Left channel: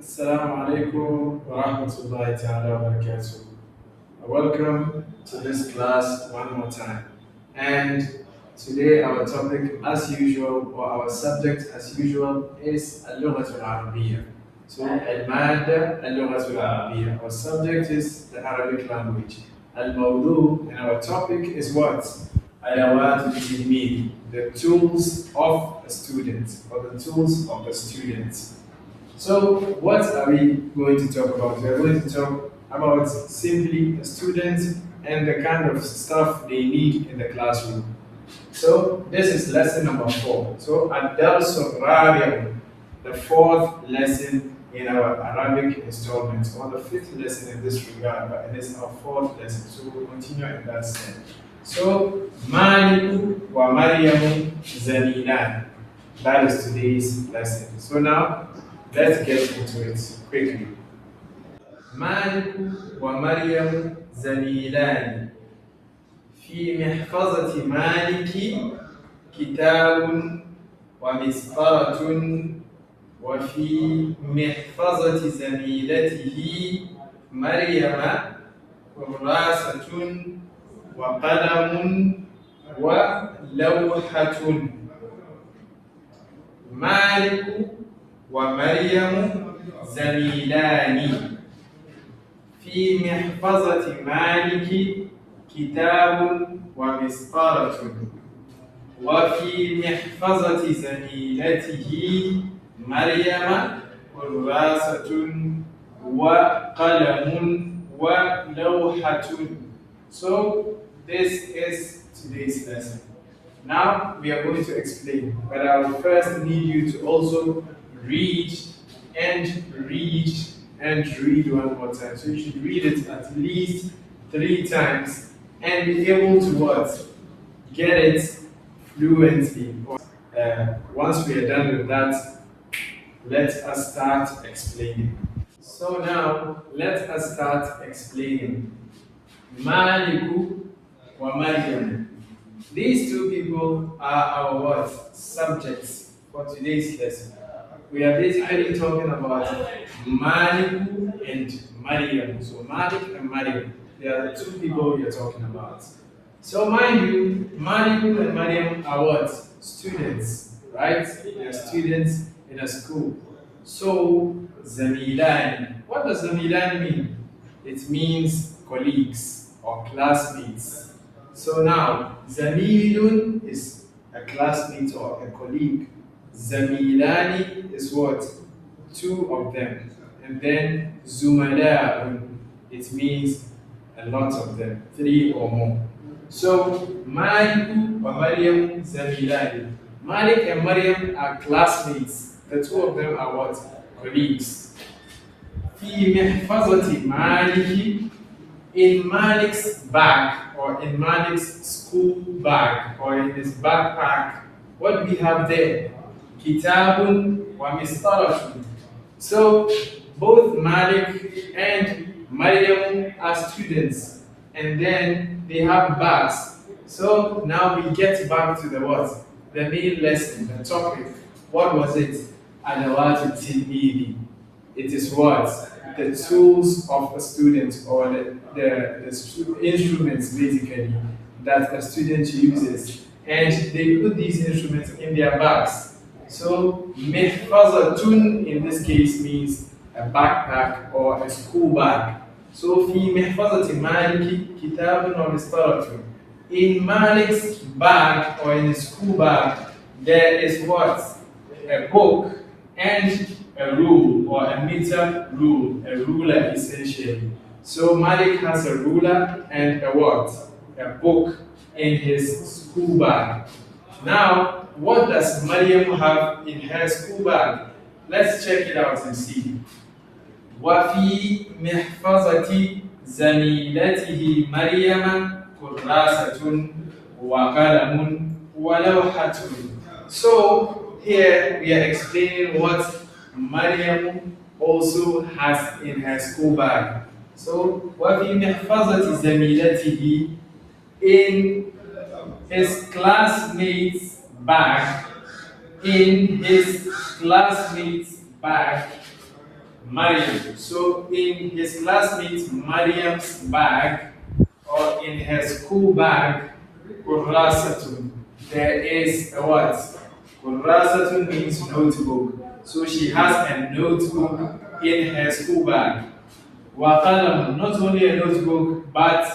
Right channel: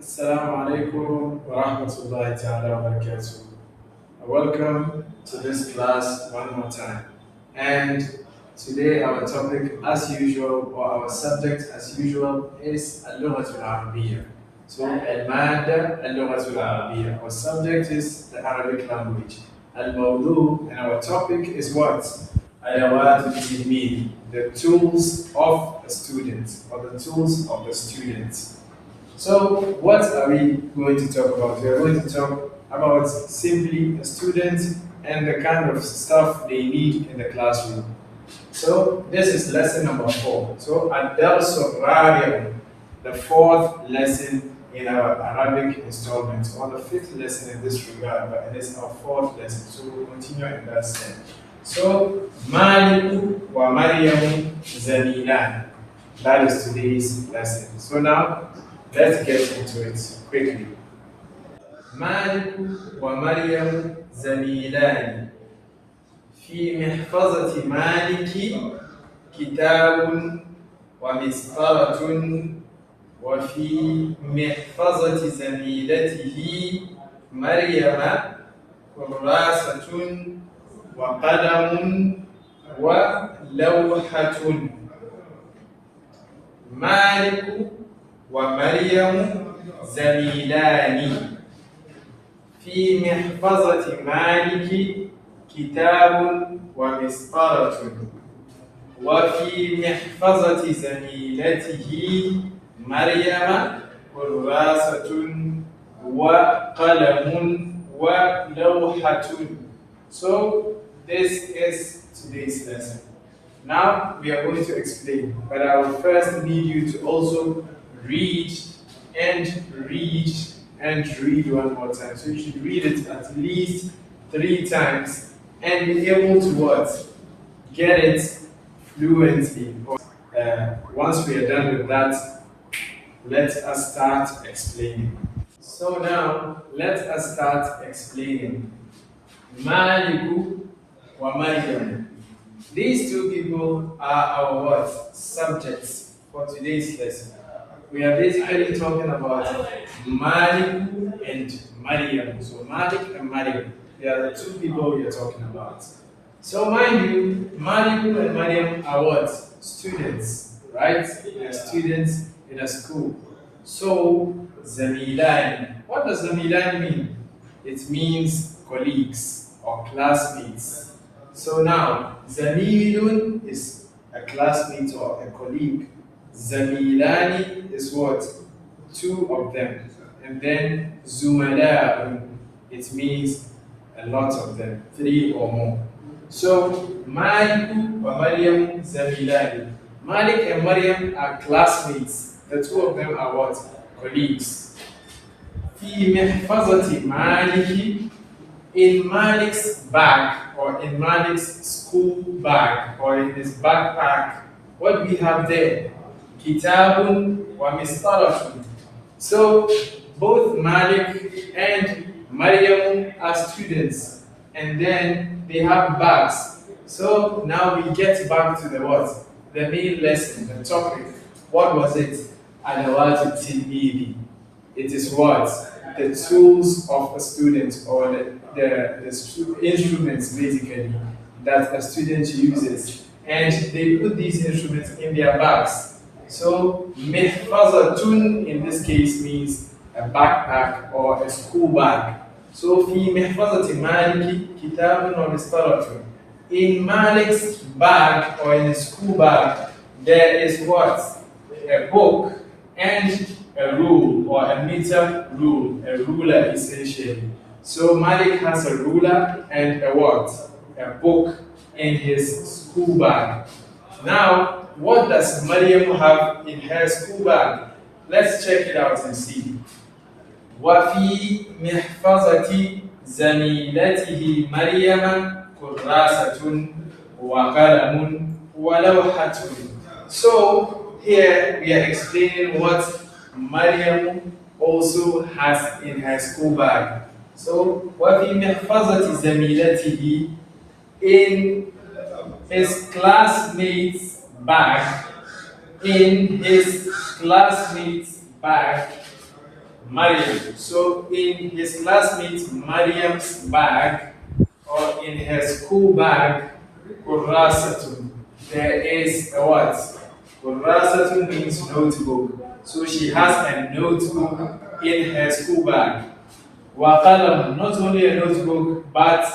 Assalamu alaikum wa rahmatullahi ta'ala wa barakatuh. Welcome to this class one more time. And today our topic as usual, or our subject as usual, is Al-Lughatul Arabiyyah. So Al-Madda Al-Lughatul Arabiyyah. Our subject is the Arabic language. Al-Mawdu, and our topic is what? Adawat al-Tilmid, the tools of a student, or the tools of the student. So, what are we going to talk about? We are going to talk about simply a student and the kind of stuff they need in the classroom. So, this is lesson number 4. So, Ad-Dars al-Rabi', the fourth lesson in our Arabic installment, or the fifth lesson in this regard, but it is our fourth lesson. So, we'll continue in that sense. So, Maliku wa Maryamu Zamilan. That is today's lesson. So, now, let's get into it quickly. مالك ومريم زميلان في محفظة مالك كتاب ومسطرة وفي محفظة زميلته مريم كراسة وقلم ولوحة. مالك ومريم زميلان في محفظة مالك كتاب ومسطرة وفي محفظة زميلته مريم كراسة وقلم ولوحة. So this is today's lesson. Now we are going to explain, but I will first need you to also read and read and read one more time. So you should read it at least 3 times and be able to what? Get it fluently. Once we are done with that, let us start explaining. So now, let us start explaining. Maliku wa Maryam. These two people are our what? Subjects for today's lesson. We are basically talking about Malik and Maryam. So Malik and Maryam, they are the two people we are talking about. So mind you, Malik and Maryam are what? Students, right? They are students in a school. So Zamilan. What does Zamilan mean? It means colleagues or classmates. So now, Zamilun is a classmate or a colleague. Zamilani is what? 2 of them. And then Zumala, it means a lot of them, 3 or more. So Malik wa Maryam Zamilani. Malik and Maryam are classmates. The 2 of them are what? Colleagues. في محفظة مالك, in Malik's bag, or in Malik's school bag, or in his backpack, what do we have there? Kitabun wa Mistaratun. So both Malik and Maryam are students, and then they have bags. So now we get back to the what? The main lesson, the topic. What was it? Adawat al-Tilmidi. It is what? The tools of a student, or the instruments basically that a student uses. And they put these instruments in their bags. So mihfazatun in this case means a backpack or a school bag. So fi mihfazati maliki kitabun wa mistaratun. In Malik's bag or in his school bag, there is what? A book and a rule, or a meter rule, a ruler essentially. So Malik has a ruler and a what? A book in his school bag. Now, what does Maryam have in her school bag? Let's check it out and see. وفي محفظة زميلته مريم كراسة وقلم ولوحة. So here we are explaining what Maryam also has in her school bag. So وفي محفظة زميلته, in his classmates' bag, in his classmates' bag, Mariam. So in his classmate Mariam's bag or in her school bag, kurasatun, there is a what? Kurasatun means notebook. So she has a notebook in her school bag. Waqalamun, not only a notebook, but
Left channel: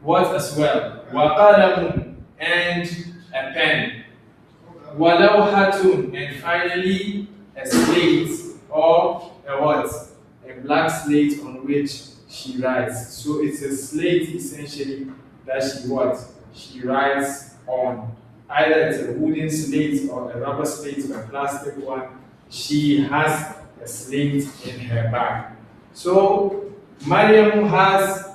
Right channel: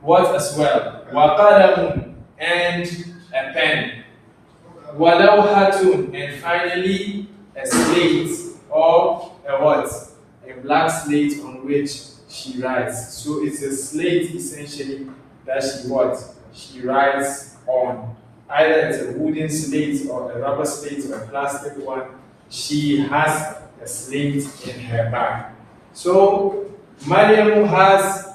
what as well? Waqalamun, and a pen. Walawhatun, and finally a slate or a what? A black slate on which she writes. So it's a slate essentially that she what? She writes on. Either it's a wooden slate or a rubber slate or a plastic one. She has a slate in her bag. So Mariam has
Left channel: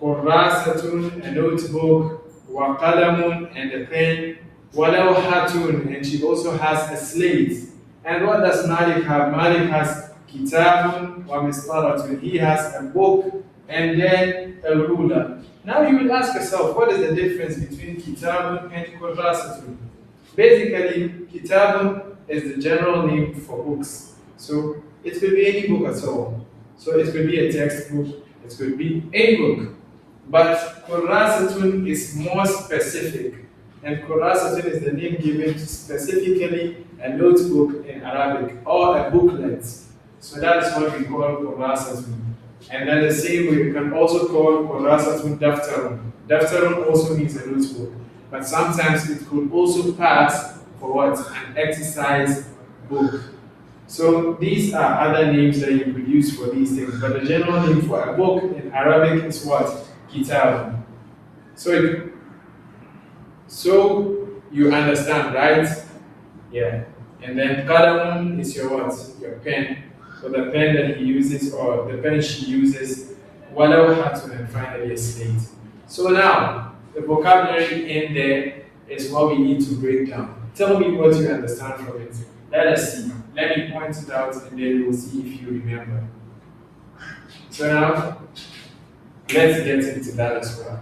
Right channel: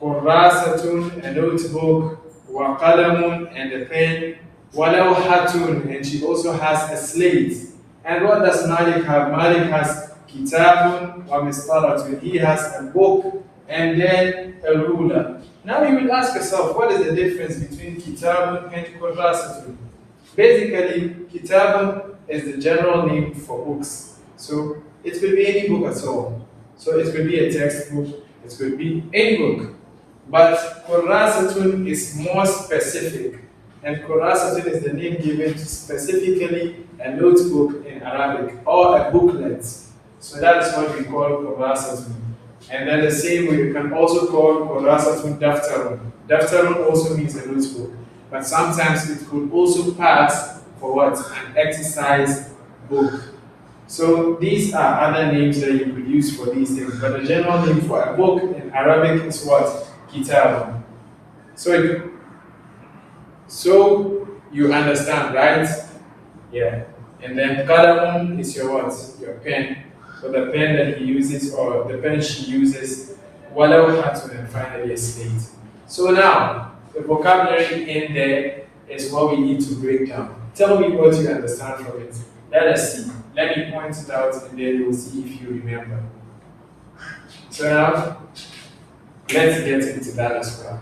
kurasatun, a notebook, wa qalamun, and a pen, walawhatun, and she also has a slate. And what does Malik have? Malik has kitabun wa mistaratun. He has a book and then a ruler. Now you will ask yourself, what is the difference between kitabun and kurasatun? Basically, kitabun is the general name for books. So it could be any book at all. So it could be a textbook, it could be any book. But kurasatun is more specific. And kurasatun is the name given to specifically a notebook in Arabic or a booklet. So that is what we call kurasatun. And then the same way you can also call kurasatun daftarun. Daftarun also means a notebook. But sometimes it could also pass for what? An exercise book. So these are other names that you could use for these things, but the general name for a book in Arabic is what? Kitab. So you understand, right? Yeah. And then qalamun is your what? Your pen. So the pen that he uses or the pen she uses. Walawhatun, and finally a slate. So now the vocabulary in there is what we need to break down. Tell me what you understand from it. Let us see. Let me point it out and then we'll see if you remember. So now, let's get into that as well.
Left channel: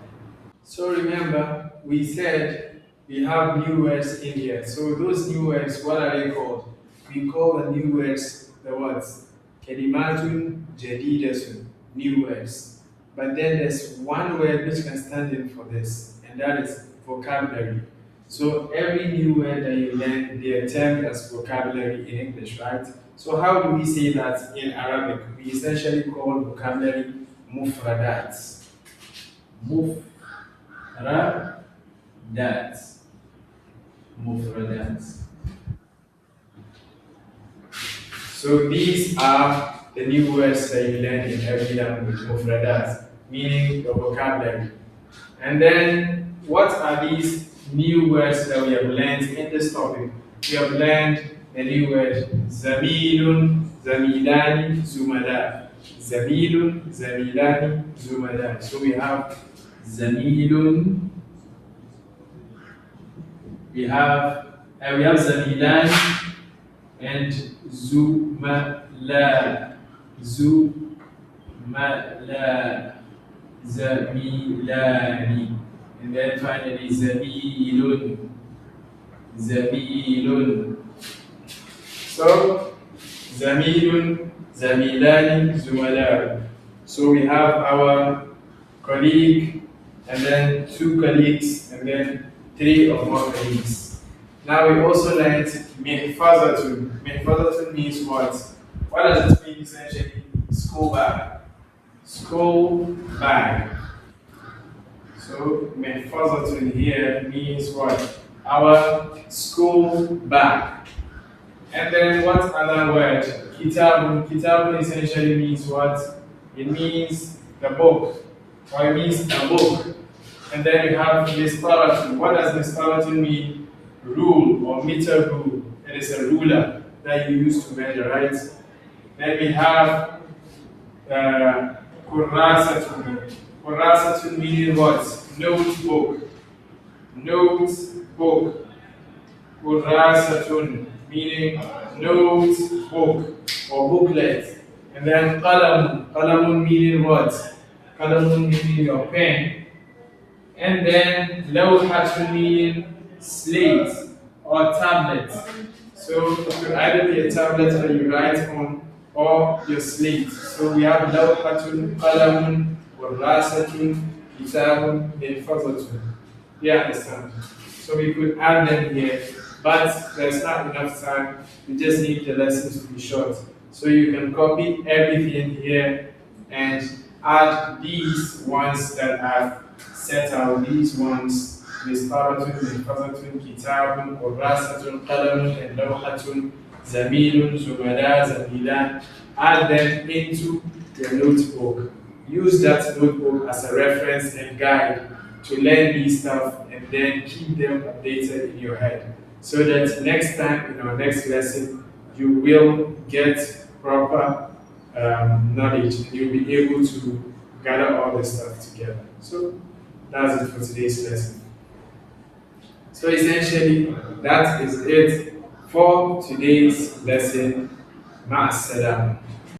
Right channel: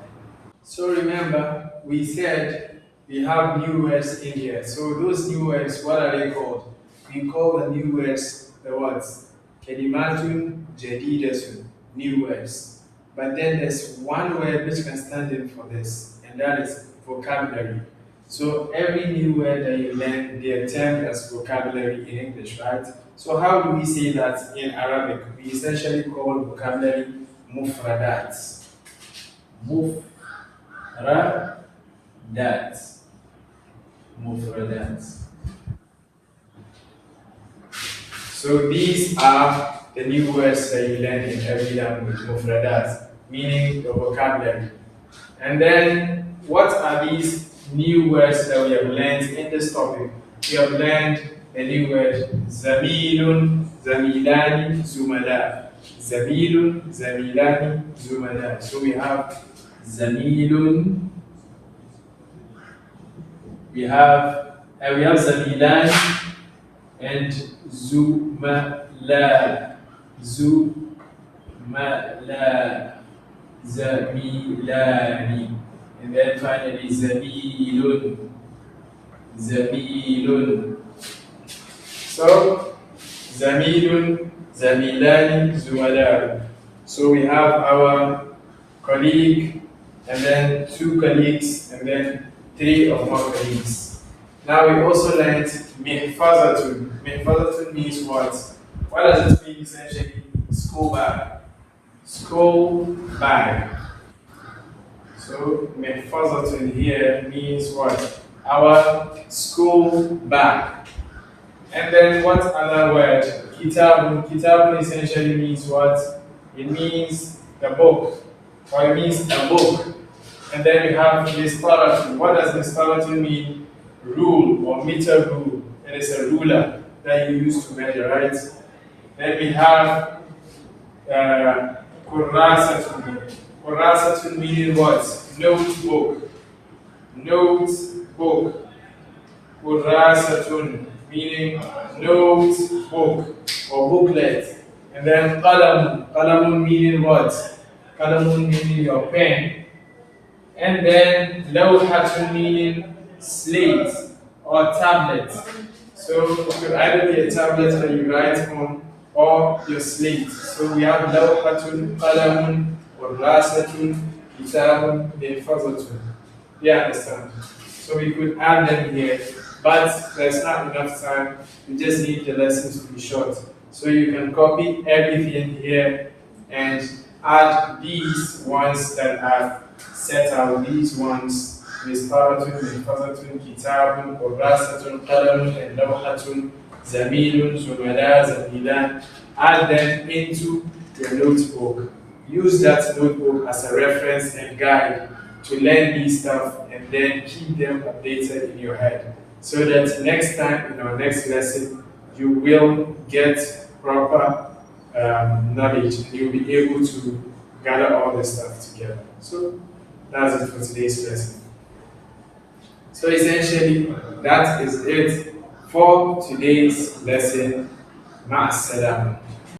So remember, we said we have new words in here. So those new words, what are they called? We call the new words the words Kalimatun Jadidatun, new words. But then there's one word which can stand in for this, and that is vocabulary. So every new word that you learn, they are termed as vocabulary in English, right? So how do we say that in Arabic? We essentially call vocabulary mufradat. Mufradat. Mufradat. So these are the new words that you learn in every language, mufradat, meaning the vocabulary. And then what are these new words that we have learned in this topic? We have learned the new word zamilun, zamilani, zumala. Zamilun, zamilani, zumala. So we have zamilun, we have zamilani and zumala. Zumala, zamilani. And then finally, zamilun. Zamilun. So, zamilun, zamilani, zumala. So we have our colleague, and then two colleagues, and then three or more colleagues. Now we also learned mihfazatun. Mihfazatun means what? What does it mean essentially? School bag. School bag. So mihfazatun here means what? Our school bag. And then what other word? Kitabun. Kitabun essentially means what? It means the book. Or it means a book. And then you have mistaratun. What does mistaratun mean? Rule or meter rule. It is a ruler that you use to measure, right? Then we have kurasatun. Kurasatun meaning what? Notebook. Notebook. Kurasatun meaning notebook or booklet. And then qalam. Qalamun meaning what? Qalamun meaning your pen. And then lawhatun meaning slate or tablet. So it could either be a tablet that you write on, or your slate. So we have lawhatun, qalamun, kurasatun, kitabun, mahfazatun. You understand? So we could add them here, but there's not enough time. We just need the lessons to be short. So you can copy everything here and add these ones that I've set out, these ones, مسطرة محفظة كتاب كراسة قلم and لوحة زميل زملاء زميلان. Add them into your notebook. Use that notebook as a reference and guide to learn these stuff and then keep them updated in your head so that next time in our next lesson you will get proper knowledge and you'll be able to gather all the stuff together. So that's it for today's lesson. So essentially that is it for today's lesson. Ma'as salam.